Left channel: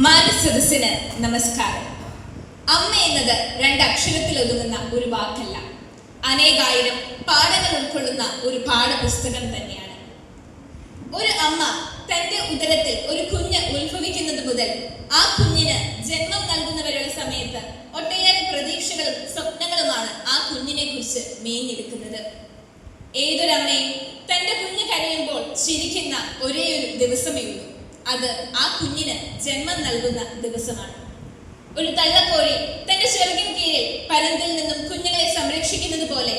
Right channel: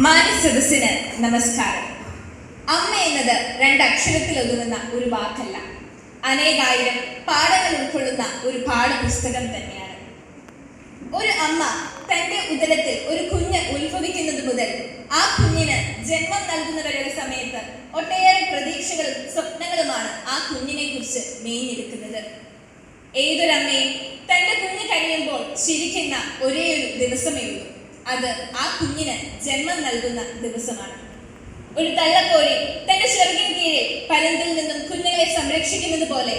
മാന്യസദസ്സിന് നമസ്കാരം. അമ്മ എന്നത് രണ്ടക്ഷരത്തിൽ ഒതുങ്ങുന്ന ഒരു വാക്കല്ല, അനേകായിരം പാഠങ്ങൾ ഉൾക്കൊള്ളുന്ന ഒരു പാഠപുസ്തകം തന്നെയാണ്. ഒരു അമ്മ തന്റെ ഉദരത്തിൽ ഒരു കുഞ്ഞ് ഉത്ഭവിക്കുന്നത് മുതൽ ആ കുഞ്ഞിന് ജന്മം നൽകുന്നവരുടെ സമയത്ത് ഒട്ടേറെ പ്രതീക്ഷകളും സ്വപ്നങ്ങളുമാണ് ആ കുഞ്ഞിനെ കുറിച്ച് മേഞ്ഞെടുക്കുന്നത്. ഏതൊരമ്മയും തന്റെ കുഞ്ഞ് കഴിയുമ്പോൾ ചിരിക്കുന്ന ഒരേ ഒരു ദിവസമേ ഉള്ളൂ, അത് ആ കുഞ്ഞിന് ജന്മം നൽകുന്ന ദിവസമാണ്. ഒരു തള്ളക്കോഴി തന്റെ ചെറുകിൻ കീഴിൽ പരുന്തിൽ നിന്നും കുഞ്ഞുങ്ങളെ സംരക്ഷിക്കുന്നത് പോലെ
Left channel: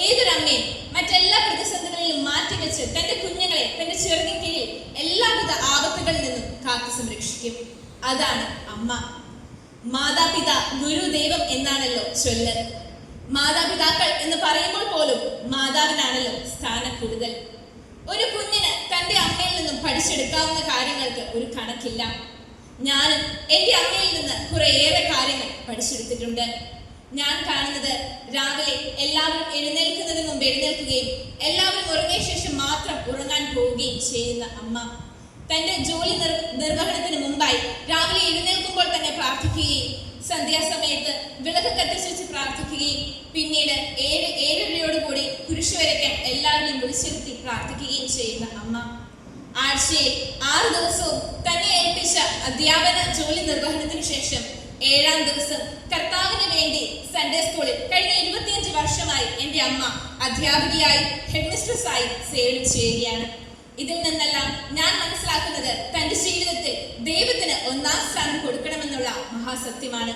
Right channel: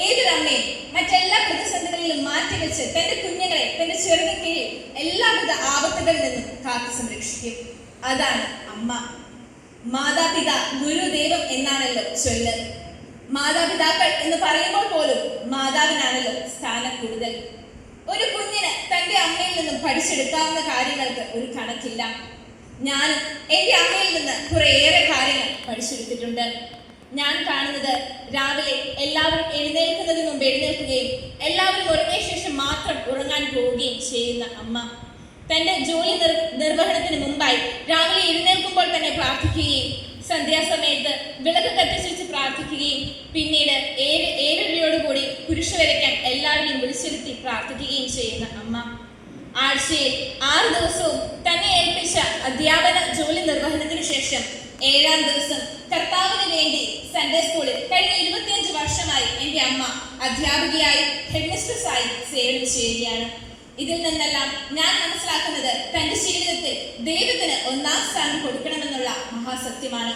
ഏതൊരമ്മയും മറ്റെല്ലാ പ്രതിസന്ധികളിലും മാറ്റിവെച്ച് തന്റെ കുഞ്ഞുങ്ങളെ തന്റെ ചെറുകിൻ കീഴിൽ എല്ലാവിധ ആപത്തുകളിൽ നിന്നും കാത്തു സംരക്ഷിക്കും. അതാണ് അമ്മ. മാതാപിതാ ഗുരുദൈവം എന്നാണല്ലോ ചൊല്ല്. മാതാപിതാക്കൾ എന്ന് പറയുമ്പോൾ പോലും മാതാവിനാണല്ലോ സ്ഥാനം കൂടുതൽ. ഒരു കുഞ്ഞിന് തന്റെ അമ്മയിൽ നിന്നും പഠിച്ചെടുക്കാവുന്ന കാര്യങ്ങൾക്ക് ഒരു കണക്കില്ല. ഞാനും എൻ്റെ അമ്മയിൽ നിന്ന് കുറേയേറെ കാര്യങ്ങൾ പഠിച്ചെടുത്തിട്ടുണ്ട്. ഞാൻ കാണുന്നത് രാവിലെ എല്ലാവരും എഴുന്നേൽക്കുന്നതിന് മുമ്പ് എഴുന്നേൽക്കുകയും എല്ലാവരും ഉറങ്ങിയ ശേഷം മാത്രം ഉറങ്ങാൻ പോവുകയും ചെയ്യുന്ന അമ്മ, തൻ്റെ ജോലി നിർവഹണത്തിന് മുമ്പായി രാവിലെ എഴുന്നേൽക്കുമ്പോൾ തന്നെ പ്രാർത്ഥിക്കുകയും സന്ധ്യാസമയത്ത് വിളക്ക് കത്തിച്ച് വെച്ച് പ്രാർത്ഥിക്കുകയും പിന്നീട് 7:30 കുരിശ് വരയ്ക്കാൻ എല്ലാവരെയും വിളിച്ചിരുത്തി പ്രാർത്ഥിക്കുകയും ചെയ്യുന്ന അമ്മ, ആഴ്ചയിൽ 6 ദിവസവും തന്നെ ഏൽപ്പിച്ച അധ്യാപന ജോലി നിർവഹണത്തിനു ശേഷം 7-ാം ദിവസം കർത്താവിന് വേണ്ടി സൺഡേ സ്കൂളിൽ കഴിഞ്ഞ 25 വർഷമായി എൻ്റെ അമ്മ അധ്യാപികയായി ഹെഡ്മിസ്ട്രസ്സായി സേവനം ചെയ്യുകയാണ്. ഇതിൽ നിന്നെല്ലാം ഞാൻ മനസ്സിലാക്കുന്നത് തൻ്റെ ജീവിതത്തിൽ ദൈവത്തിന് 1-ാം സ്ഥാനം കൊടുക്കണമെന്നുള്ള മഹാസത്യമാണ്.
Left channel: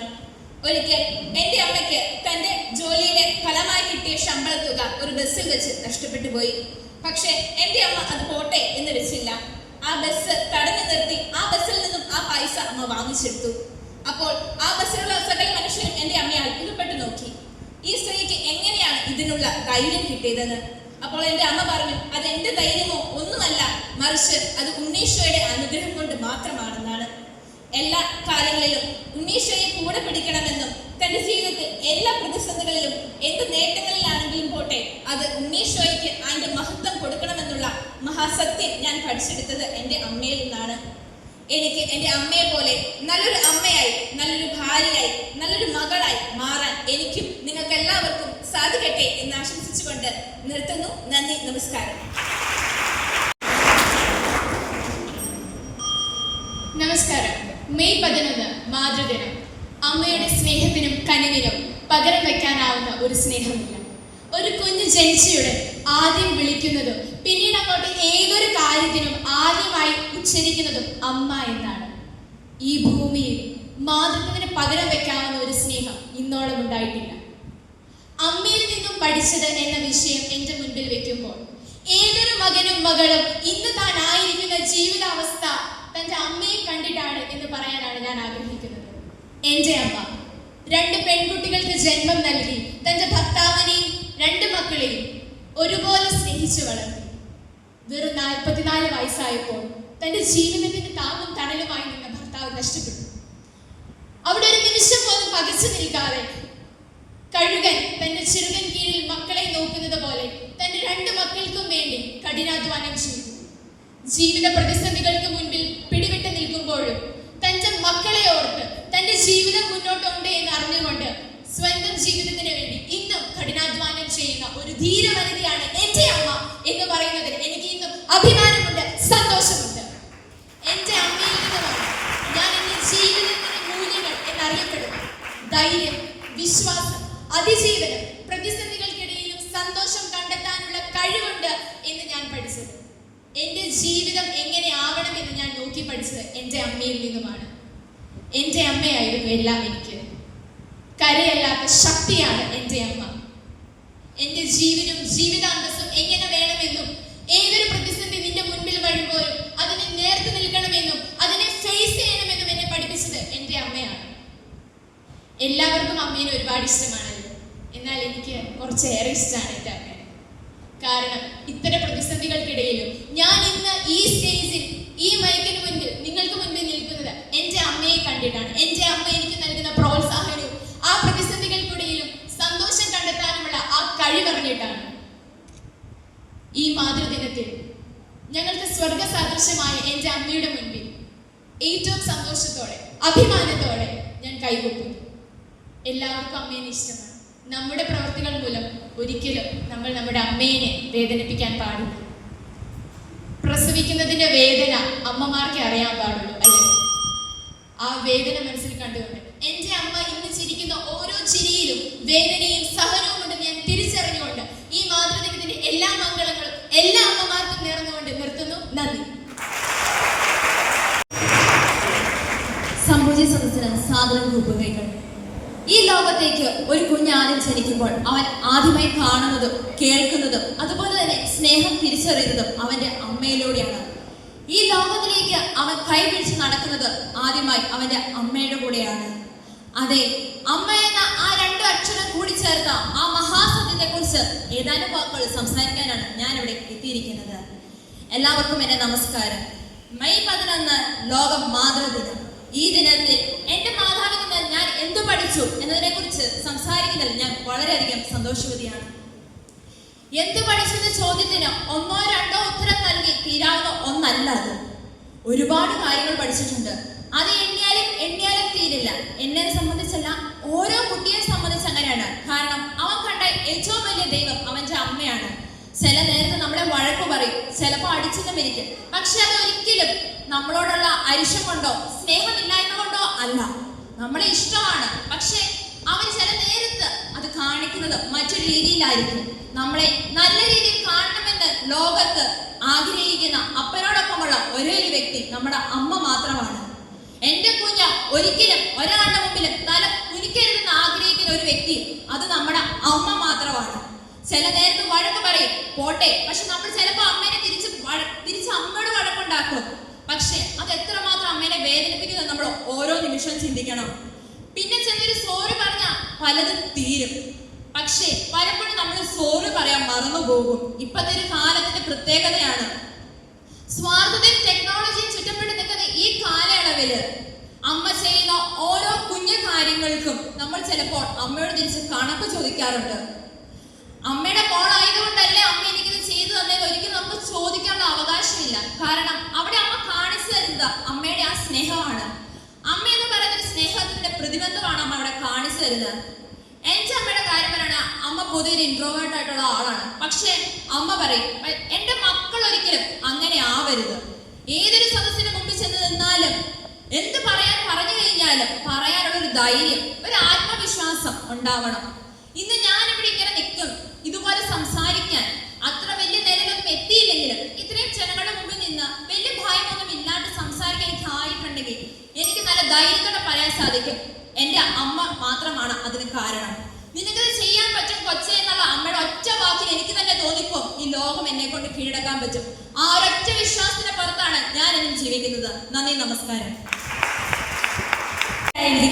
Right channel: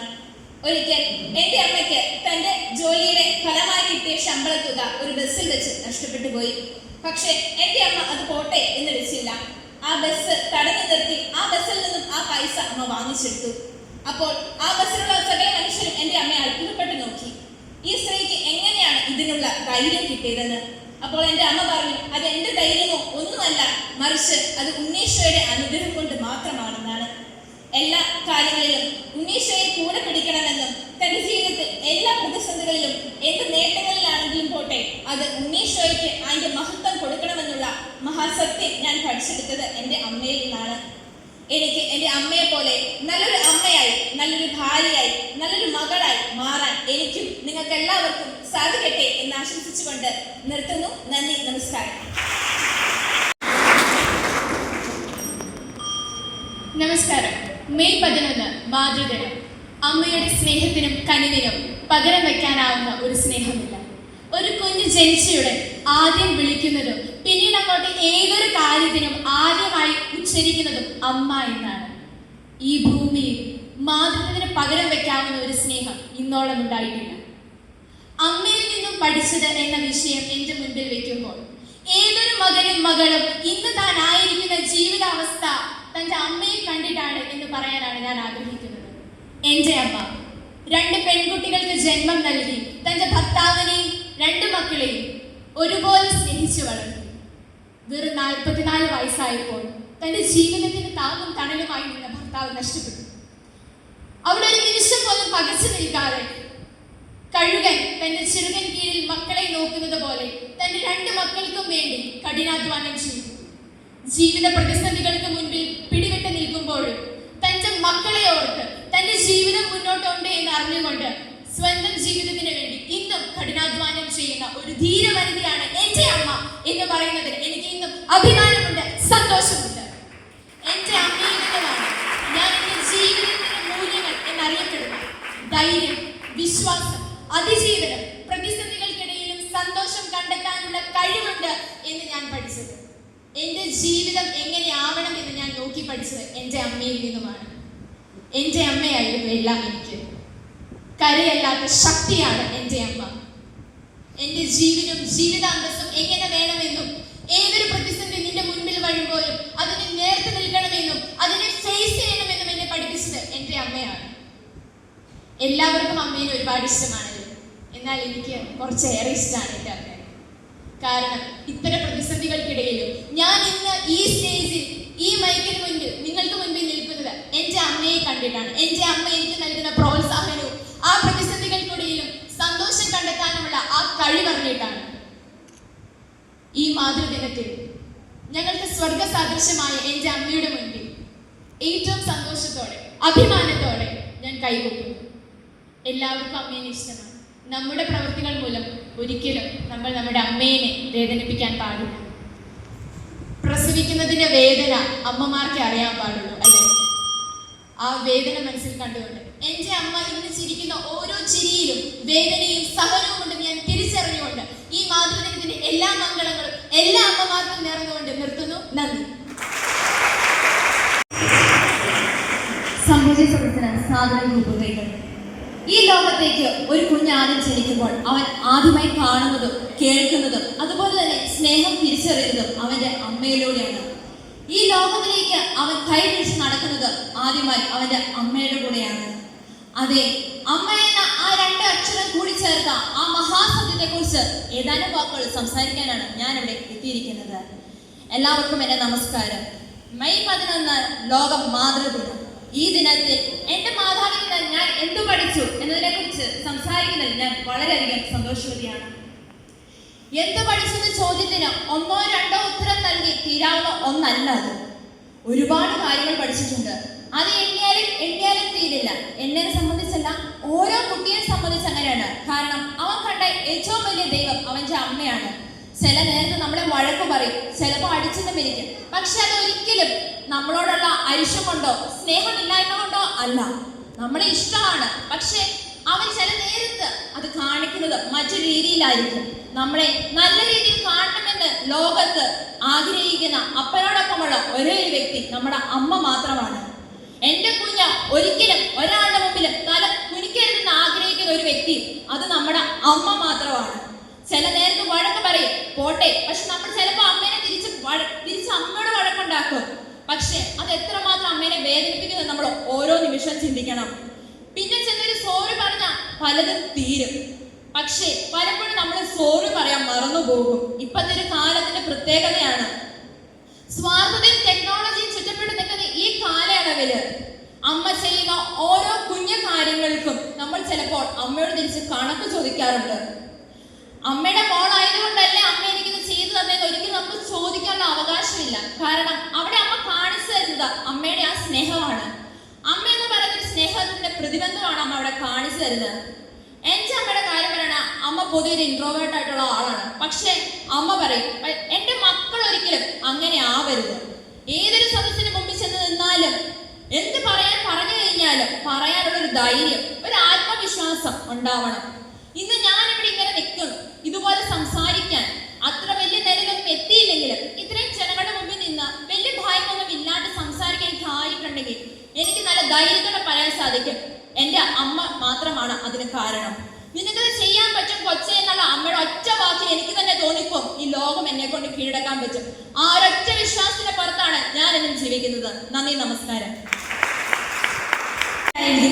ഒരിക്കൽ എൻ്റെ അമ്മയ്ക്ക് തൻ്റെ ജോലിയുടെ ഫലമായി കിട്ടിയ ശമ്പള തുക ഒരു ബസ്സിൽ വെച്ച് നഷ്ടപ്പെട്ടു പോയി. പക്ഷേ എൻ്റെ അമ്മ അത് പോട്ടെ എന്ന് വെച്ചില്ല. ആ ബസ് തടഞ്ഞു നിർത്തി ആ ബസ്സിൽ നിന്നും ആ പൈസ അമ്മ വാങ്ങിച്ചെടുത്തു. അപ്പോൾ ആ ബസ്സിലുള്ള സകല മനുഷ്യരും എൻ്റെ അമ്മയെ അത്ഭുതപ്പെട്ടു നോക്കി. ഈ സ്ത്രീക്ക് എങ്ങനെയാണ് ഇതിനുള്ള ധൈര്യം കിട്ടിയതെന്ന്. അപ്പോൾ എൻ്റെ അമ്മ പറഞ്ഞു, അത് എൻ്റെ ധൈര്യമോ ഒന്നുമല്ല, മറിച്ച് അത് ഉണ്ണീശോയുടെ അനുഗ്രഹം കൊണ്ട് മാത്രമാണെന്നാണ്. എല്ലാ കാര്യങ്ങളിലും ഉണ്ണീശോയെ കൂടെ പിടിക്കണമെന്നും തൻ്റെ ജീവിതത്തിൽ എല്ലാ പ്രതിസന്ധികളിലും എന്ത് നേട്ടങ്ങളിലാണെങ്കിലും പോട്ടെ അത് ഉണ്ണീശോയ്ക്ക് അതിൻ്റെ മഹത്വം കൊടുക്കണമെന്നുള്ള മഹാസത്യം ഞാൻ പഠിച്ചെടുത്തത് എൻ്റെ അമ്മയിൽ നിന്നാണ്. എനിക്ക് എൻ്റെ അമ്മയെ പോലെ നല്ലൊരു അമ്മയായി, നല്ലൊരു ഭാര്യയായി, നല്ലൊരു മകളായി മാറാൻ എനിക്കും നിങ്ങൾക്ക് എല്ലാവർക്കും സാധിക്കട്ടെ എന്ന് ആശംസിച്ചുകൊണ്ട് നിർത്തുന്നു. നന്ദി, നമസ്കാരം. നമസ്കാരം. മെയ് 11 മാതൃദിനം. അമ്മയുടെ സ്നേഹത്തിനും കനിവിനും പകരം വെക്കാനാവുന്ന ഒരു സ്നേഹമില്ല. ഒരു കുഞ്ഞ് ജനിച്ചയുടൻ ആദ്യം വിളിക്കുന്നതും പിന്നീട് അങ്ങോട്ട് ഏതൊരു കാര്യത്തിനും ആദ്യമായി ഉച്ചരിക്കുന്നതും അമ്മ എന്നാണ്. ഈ ഭൂമിയിൽ മാതൃത്വത്തിന് പകരം വെക്കാവുന്ന ഒരു സ്നേഹം ഇന്നോളം ഉണ്ടായിട്ടില്ല. അമ്മയിൽ നിന്നും പഠിച്ചത് എന്ന വിഷയം എൻ്റെ മുൻപിൽ വെക്കുമ്പോൾ ഏതൊരു മകനും മകളും ഇന്ന് താൻ ആയിരിക്കുന്ന ജീവിതാവസ്ഥ തൻ്റെ അമ്മയെ കണ്ടിട്ടാണ് എന്ന് പറയാനാണ് ഞാൻ ആഗ്രഹിക്കുന്നത്. എൻ്റെ അമ്മ 2 പെൺകുട്ടികൾക്ക് ജന്മം നൽകി തൻ്റെ ഭർത്താവിനെയും 2 മക്കളെയും ഒരുപോലെ സ്നേഹിച്ചു വളർത്തി. വെറും 44 വയസ്സായപ്പോൾ തൻ്റെ ജീവിതത്തിന് താങ്ങും തണലുമായി നിന്ന ഭർത്താവ് നഷ്ടപ്പെട്ടു. അവിടെ ഒരു നിമിഷം പോലും പകച്ചു നിൽക്കാതെ കഴുകൻ തന്റെ ചെറുകൻ കീഴിൽ മക്കളെ നോക്കുന്നത് പോലെ തന്റെ 2 മക്കൾക്കും വേണ്ടി കഠിനാധ്വാനം ചെയ്തു. ജീവിത പ്രതിസന്ധികൾക്ക് മുൻപിൽ പിടിവിട്ട് നിൽക്കുമ്പോഴും തന്റെ മക്കളെ ഓർത്ത് തന്റെ ജീവിതം മുന്നോട്ടുണ്ട് എന്ന് അറിഞ്ഞുകൊണ്ട് സ്വന്തം ജീവിതത്തിന് വേണ്ടി ഇന്നും കഠിനാധ്വാനം ചെയ്യുന്ന ഒരു ധീരവനിതയാണ് എൻ്റെ അമ്മ എന്ന് പറയുന്നതിൽ എനിക്ക് ഇന്നും അഭിമാനമുണ്ട്, സന്തോഷമുണ്ട്. എൻ്റെ അമ്മയിൽ നിന്നുമാണ് ഞാൻ എൻ്റെ ജീവിതത്തിന്റെ മൂല്യങ്ങൾ എന്നറിയപ്പെടുന്നു. ധൈര്യം, വിശ്വാസം, അതിജീവനം, പ്രതിസന്ധികൾക്കിടയിലും സന്തോഷം കണ്ടെത്താനുള്ള കഴിവുണ്ട് എന്ന് ഞാൻ പഠിച്ചത്. എൻ്റെ ജീവിതം എങ്ങനെ ആവണം എന്ന് ഞാൻ നോക്കി പഠിച്ചത് എൻ്റെ അമ്മയിൽ നിന്നുമാണ്. എൻ്റെ അമ്മയായിരുന്നു എല്ലാം എനിക്ക്. കരയല്ലാത്ത ശക്തിയാണ് എൻ്റെ അമ്മ. എൻ്റെ ജീവിതവും ജീവിതാന്തസ്സും എങ്ങനെ വേണമെന്നും ഏതൊരു പ്രതിസന്ധി നിന്റെ മുൻപിൽ വരുമ്പോഴും അതിനെ നേർത്ത് നിൽക്കണമെന്നും അതിനെ ഫേസ് ചെയ്യണമെന്നും എന്നെ പഠിപ്പിച്ചത് എൻ്റെ അമ്മയാണ്. എല്ലാവർക്കും അമ്മേനെ ഒരുപാട് ഇഷ്ടമാണല്ലോ, എന്നാൽ എനിക്ക് കുറച്ചേറെ ഇഷ്ടമാണ് എൻ്റെ അമ്മ. കാരണം ഇത്തരം പ്രതിസന്ധികൾക്കിടയിലും ഞാൻ ഇന്ന് ഈ സ്റ്റേജിൽ ഈ മൈക്കിന് മുൻപിൽ നിങ്ങൾക്ക് മുൻപിൽ നിൽക്കുന്നത് എൻ്റെ അമ്മയെ കണ്ടിട്ടാണ്. എൻ്റെ അമ്മ എനിക്ക് നൽകുന്ന പ്രോത്സാഹനവും ആ പ്രതിസന്ധികൾക്കിടയിലും സന്തോഷം കണ്ടെത്താനുമുള്ള ആ കഴിവറിഞ്ഞിട്ടാണ്. ഈ മാതൃദിനത്തിൽ ഞങ്ങൾക്ക് സ്വർഗ സദൃശമായ എൻ്റെ അമ്മയുടെ മുൻപിൽ ഏറ്റവും സന്തോഷത്തോടെ അഭിമാനത്തോടെ ഞാൻ കൈകൊട്ടുന്നു. എല്ലാവർക്കും അമ്മേനെ ഇഷ്ടമാണ്. നമ്മുടെ പ്രവൃത്തികൾ മൂലം ഒരിക്കലും നമ്മൾ നമ്മുടെ അമ്മേനെ വേദനിപ്പിക്കാൻ പാടില്ല. പ്രസവിക്കുന്നതിന്റെ വേദന അമ്മമാർക്കേ അറിയാൻ പാടുള്ളൂ, അല്ലേ? ആ വേദന മനസ്സിൽ കണ്ടുകൊണ്ട് എൻ്റെ അമ്മ ഇന്ന് ചിരിക്കുന്ന ഓരോ ചിരിയിലും വേദനയും സഹനവും ഉണ്ടെന്ന് ഞാൻ തിരിച്ചറിഞ്ഞുകൊണ്ട് ഈ മാതൃദിനത്തിന്റെ എല്ലാ മംഗളങ്ങളും എല്ലാ അമ്മമാർക്കും നേർന്നുകൊണ്ട് നിർത്തുന്നു. നന്ദി. സംഭൂജി സദസ്സിന് സാദരം രൂപകൈകൾ. ഈ ലോകത്തേക്ക് ഒരു കുഞ്ഞാദ്യം ജനിക്കുമ്പോൾ അവൻ ആദ്യമായി കാണുന്നതും കേൾക്കുന്നതും അതുപോലെ തന്നെ സ്നേഹം തിരിച്ചറിയുന്നതും അവന്റെ അമ്മയിലൂടെയാണ്. ഈ ലോകത്തിലേക്ക് അവൻ കൈപിടിച്ച് നടക്കുന്നത് ആദ്യമായി അവന്റെ അമ്മയുടെ കൂടെയാണ്. അതെ, അമ്മ എന്ന ആ രണ്ട് അക്ഷരം കൂടി ചേർത്ത ആ മഹാസത്യത്തെ കുറിച്ച് ഏതാനും വാക്കുകൾ സംസാരിക്കാനാണ് ഞാൻ ഇവിടെ എത്തിയിരിക്കുന്നത്. എല്ലാവർക്കും എന്റെ നമസ്കാരം. മെയ് 11 ലോക മാതൃദിനം. ഈ ദിനത്തിൽ എന്റെ മാതാവിൽ നിന്ന് ഞാൻ എന്തു പഠിച്ചു എന്നതിനെ കുറിച്ച് സംസാരിക്കുന്നതിൽ ഞാൻ വളരെയധികം സന്തോഷവതിയാണ്. എന്തു പഠിച്ചു എന്ന ചോദ്യത്തിന് ഒന്നോ രണ്ടോ ഉത്തരം നൽകി തീരാവുന്ന ഒന്നല്ല അത്. ഒരുപാട് കാര്യങ്ങൾ പഠിച്ചിട്ടുണ്ട്. അത് എണ്ണിയാലും തീരില്ല. എന്നെ സംബന്ധിച്ചല്ല, ഓരോ കുട്ടിയെ സംബന്ധിച്ച് അങ്ങനെയാണ്. കാരണം അവൻ കണ്ട ഏറ്റവും വലിയ ദൈവം അവന്റെ അമ്മയാണ്. ചില നേരത്തെ നമ്മളെ വഴക്ക് പറയും, ചിലപ്പോൾ അടിച്ചെന്നും ഇരിക്കും. പക്ഷെ അതൊരിക്കലും നമ്മളോടുള്ള അരിശം കൊണ്ടോ സ്നേഹമില്ലായ്മ കൊണ്ടോ അല്ല, നമ്മളെ ഇഷ്ടമാണ്. പക്ഷെ അവൻ ചില നേരത്ത് അത് കാണിക്കുന്നത് മറ്റൊരു രീതിയിലായിരിക്കും. നമ്മളെ നല്ല രീതിയിൽ കാണണമെന്ന് ലോകത്ത് ആഗ്രഹിക്കുന്ന അപ്പനോടൊപ്പമുള്ള ഒരേ ഒരു വ്യക്തി നമ്മുടെ അമ്മ മാത്രമാണ്. എന്റെ കുഞ്ഞ ഒരിക്കലും ഒരാളുടെ മുമ്പിലും തല കുനിക്കരുതെന്ന് ആഗ്രഹിക്കുന്ന ഒരു വ്യക്തി അത് നമ്മുടെ അമ്മ മാത്രമാണ്. ചില നേരത്ത് വഴക്ക് പറയും, പോട്ടെ, പക്ഷെ നമ്മൾ ചിലപ്പോൾ അമ്മേനെ തിരിച്ച് അമ്മയോട് വഴക്കുണ്ടാക്കും. പക്ഷെ അത് എത്രമാത്രം അമ്മേനെ വേദനിപ്പിക്കുന്നത് നമ്മൾ ഓരോ നിമിഷവും ചിന്തിക്കണം. പിന്നെ ചിലര് സോറി പറഞ്ഞാൽ പലതും തീരും. പക്ഷേ പലപ്പോഴും നമ്മൾ സോറി പറയാൻ മറന്നുപോകും. ഇപ്പത്തെ ഒരു കാലത്തിന്റെ പ്രത്യേകതയാണ്. സ്വാർത്ഥതയും ടെക്നോളജിയും ചുറ്റപ്പെട്ട് നിൽക്കുന്ന ഈ കാലയളവില് അമ്മ ചെയ്യുന്ന ഓരോ കുഞ്ഞു കാര്യങ്ങൾക്കും നമ്മൾ ചിലപ്പോൾ അമ്മയോട് തിരിച്ച് കണക്ക് ചോദിക്കാറുണ്ട്. അമ്മയുടെ മോളായതുകൊണ്ടല്ലേ അമ്മ എനിക്കിത് ചെയ്തു തന്നേന്ന് ഒരിക്കലും നമുക്ക് ചോദിക്കാനുള്ള അവകാശമില്ല. കാരണം അവിടെ അമ്മ കാണിച്ചു തരുന്നത് അമ്മയുടെ ആ സ്നേഹമാണ്. അമ്മ എന്ന് പറയുന്ന സ്നേഹത്തിന്റെ പ്രതിബന്ധമാണ് അമ്മ അവിടെ കാണിച്ചു തരുന്നത്. എന്റെ അമ്മയുടെ കാര്യം പറയണ, അമ്മ പൊതുവെ ഒരു ഇൻട്രോവേർട്ട് ആയിട്ടുള്ള ആളാണ്. പക്ഷെ അമ്മ പറയും, എന്റെ മക്കൾ ഒരിക്കലും അങ്ങനെ ആവരുത്. ഏതൊരു സദസ്സിന് മുമ്പിൽ ചെന്ന് നിന്നാലും എന്ത് പറഞ്ഞു കഴിഞ്ഞാലും പറയാനുള്ള ഒരു ധൈര്യം, ഒരു ആത്മവിശ്വാസം ഉണ്ടാവണം. ഇന്ന് ഞാനിവിടെ ഇങ്ങനെ നിൽക്കും, ഇതുപോലെ സംസാരിക്കാൻ അത്ര വലിയ നിലയിലൊന്നും എത്തിയില്ലെങ്കിലും ഇത്രയും ജനങ്ങളുടെ മുമ്പിൽ നിന്ന് വലിയ ഭയമൊന്നും ഇല്ലാണ്ട് സംസാരിക്കാൻ എനിക്ക് ആയിട്ടുണ്ടെങ്കിൽ എനിക്ക് നല്ല ധൈര്യത്തോടെ പറയാൻ സാധിക്കും, എൻ്റെ അമ്മ മാത്രമാണ് അതിന് കാരണം. നിനക്കത് ചെയ്യാൻ പറ്റും കൊച്ചെ എന്നുള്ള അമ്മയുടെ ഒറ്റ വാക്കിൽ എനിക്ക് തന്നെ തോന്നിപ്പോ ഈ ലോകം എന്നെ കൊണ്ട് കീഴടക്കാൻ പറ്റും. ആ ഒരൊറ്റ വിശ്വാസത്തിന്റെ പുറത്താണ് ഞാൻ എന്നും ജീവിക്കുന്നത്. നന്ദി, നമസ്കാരം.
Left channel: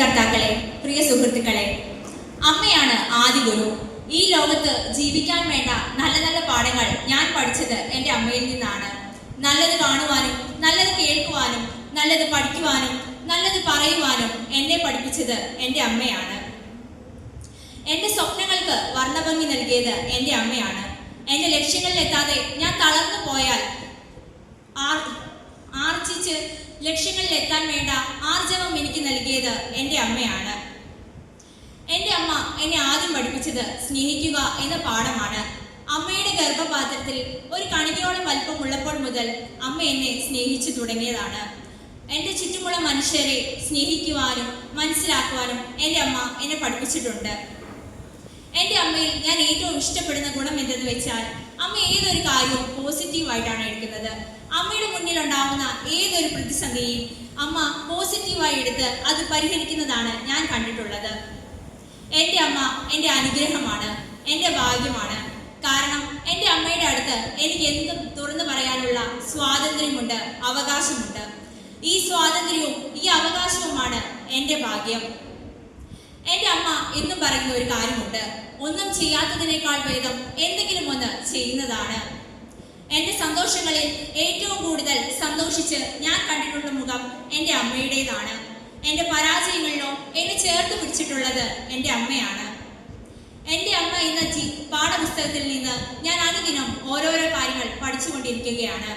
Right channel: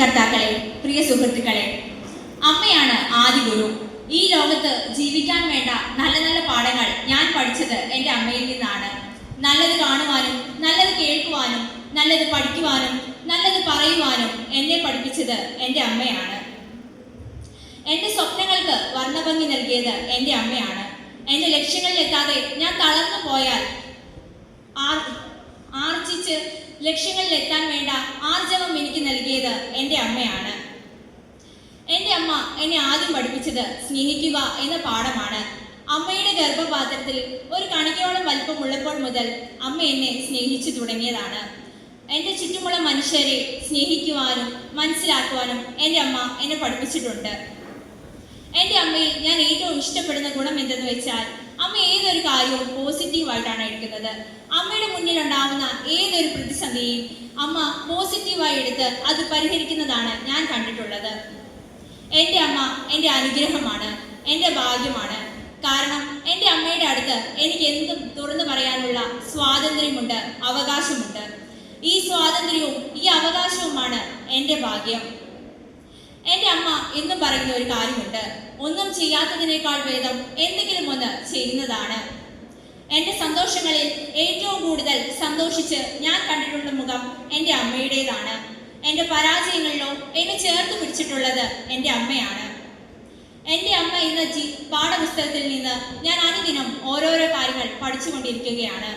കർത്താക്കളെ, പ്രിയ സുഹൃത്തുക്കളെ, അമ്മയാണ് ആദി ഗുരു. ഈ ലോകത്ത് ജീവിക്കാൻ വേണ്ട നല്ല നല്ല പാഠങ്ങൾ ഞാൻ പഠിച്ചത് എൻ്റെ അമ്മയിൽ നിന്നാണ്. നല്ലത് കാണുവാനും നല്ലത് കേൾക്കുവാനും നല്ലത് പഠിക്കുവാനും നല്ലത് പറയുവാനും എന്നെ പഠിപ്പിച്ചത് എൻ്റെ അമ്മയാണ്. എൻ്റെ സ്വപ്നങ്ങൾക്ക് വർണ്ണഭംഗി നൽകിയത് എൻ്റെ അമ്മയാണ്. എൻ്റെ ലക്ഷ്യങ്ങളിലെത്താതെ ഞാൻ തളർന്നു പോയാൽ ആർജിച്ച് ലക്ഷ്യങ്ങളിലെത്താൻ വേണ്ട ആർജവം എനിക്ക് നൽകിയത് എൻ്റെ അമ്മയാണ്. എൻ്റെ അമ്മ എന്നെ ആദ്യം പഠിപ്പിച്ചത് സ്നേഹിക്കുക എന്ന പാഠമാണ്. അമ്മയുടെ ഗർഭപാത്രത്തിൽ ഒരു കണികയോളം വലിപ്പമുള്ളപ്പോൾ മുതൽ അമ്മ എന്നെ സ്നേഹിച്ചു തുടങ്ങിയതാണ്. എൻ്റെ ചുറ്റുമുള്ള മനുഷ്യരെ സ്നേഹിക്കുവാനും മനസ്സിലാക്കുവാനും എൻ്റെ അമ്മ എന്നെ പഠിപ്പിച്ചിട്ടുണ്ട്. എൻ്റെ അമ്മയിൽ ഞാൻ ഏറ്റവും ഇഷ്ടപ്പെടുന്ന ഗുണം എന്തെന്ന് വെച്ചാൽ, അമ്മ ഏതൊരു കാര്യവും പോസിറ്റീവായിട്ടാണ് എടുക്കുന്നത്. അമ്മയുടെ മുന്നിലുണ്ടാവുന്ന ഏതൊരു പ്രതിസന്ധിയും അമ്മ പോസിറ്റീവായി എടുത്ത് അത് പരിഹരിക്കുന്നതാണ് ഞാൻ കണ്ടിട്ടുള്ളത്. എൻ്റെ അമ്മ എൻ്റെ അനുഗ്രഹമാണ്, എൻ്റെ ഭാഗ്യമാണ്. കാരണം എൻ്റെ അമ്മയുടെ അടുത്ത് എനിക്ക് എന്തും തുറന്നു പറയാനുള്ള സ്വാതന്ത്ര്യമുണ്ട്, അവകാശമുണ്ട്. ഈ സ്വാതന്ത്ര്യവും ഈ അവകാശവുമാണ് എൻ്റെ ഭാഗ്യം. എൻ്റെ അമ്മ എന്നും പറയുന്ന ഒരു കാര്യമുണ്ട്, ഒന്നും ചെയ്യാത്തതിനേക്കാൾ ഭേദം എന്തെങ്കിലും ഒന്ന് ചെയ്യുന്നതാണ്. എൻ്റെ സന്തോഷങ്ങളിൽ ഏറ്റവും കൂടുതൽ സന്തോഷിച്ച് ഞാൻ കണ്ടിട്ടുള്ള മുഖം എൻ്റെ അമ്മയുടേതാണ്. എൻ്റെ പരാജയങ്ങളിലോ എന്നെ ചേർത്ത് പിടിച്ചിട്ടുള്ളത് എൻ്റെ അമ്മയാണ്. എൻ്റെ അമ്മ ഇന്ന് പാഠപുസ്തകത്തിൽ നിന്ന് ഞാൻ അനുദിനം ഓരോരോ കാര്യങ്ങൾ പഠിച്ചുകൊണ്ടിരിക്കുകയാണ്.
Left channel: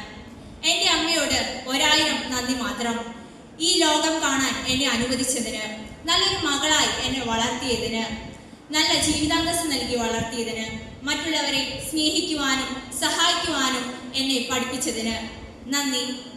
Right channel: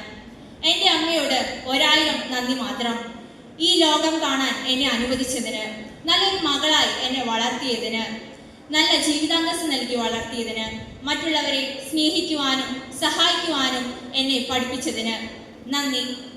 എൻ്റെ അമ്മയോട് 1000 നന്ദി മാത്രം. ഈ ലോകം കാണാൻ എന്നെ അനുവദിച്ചതിന്, നല്ലൊരു മകളായി എന്നെ വളർത്തിയതിന്, നല്ല ജീവിതാന്തസ് നൽകി വളർത്തിയതിന്, മറ്റുള്ളവരെ സ്നേഹിക്കുവാനും സഹായിക്കുവാനും എന്നെ പഠിപ്പിച്ചതിന് നന്ദി.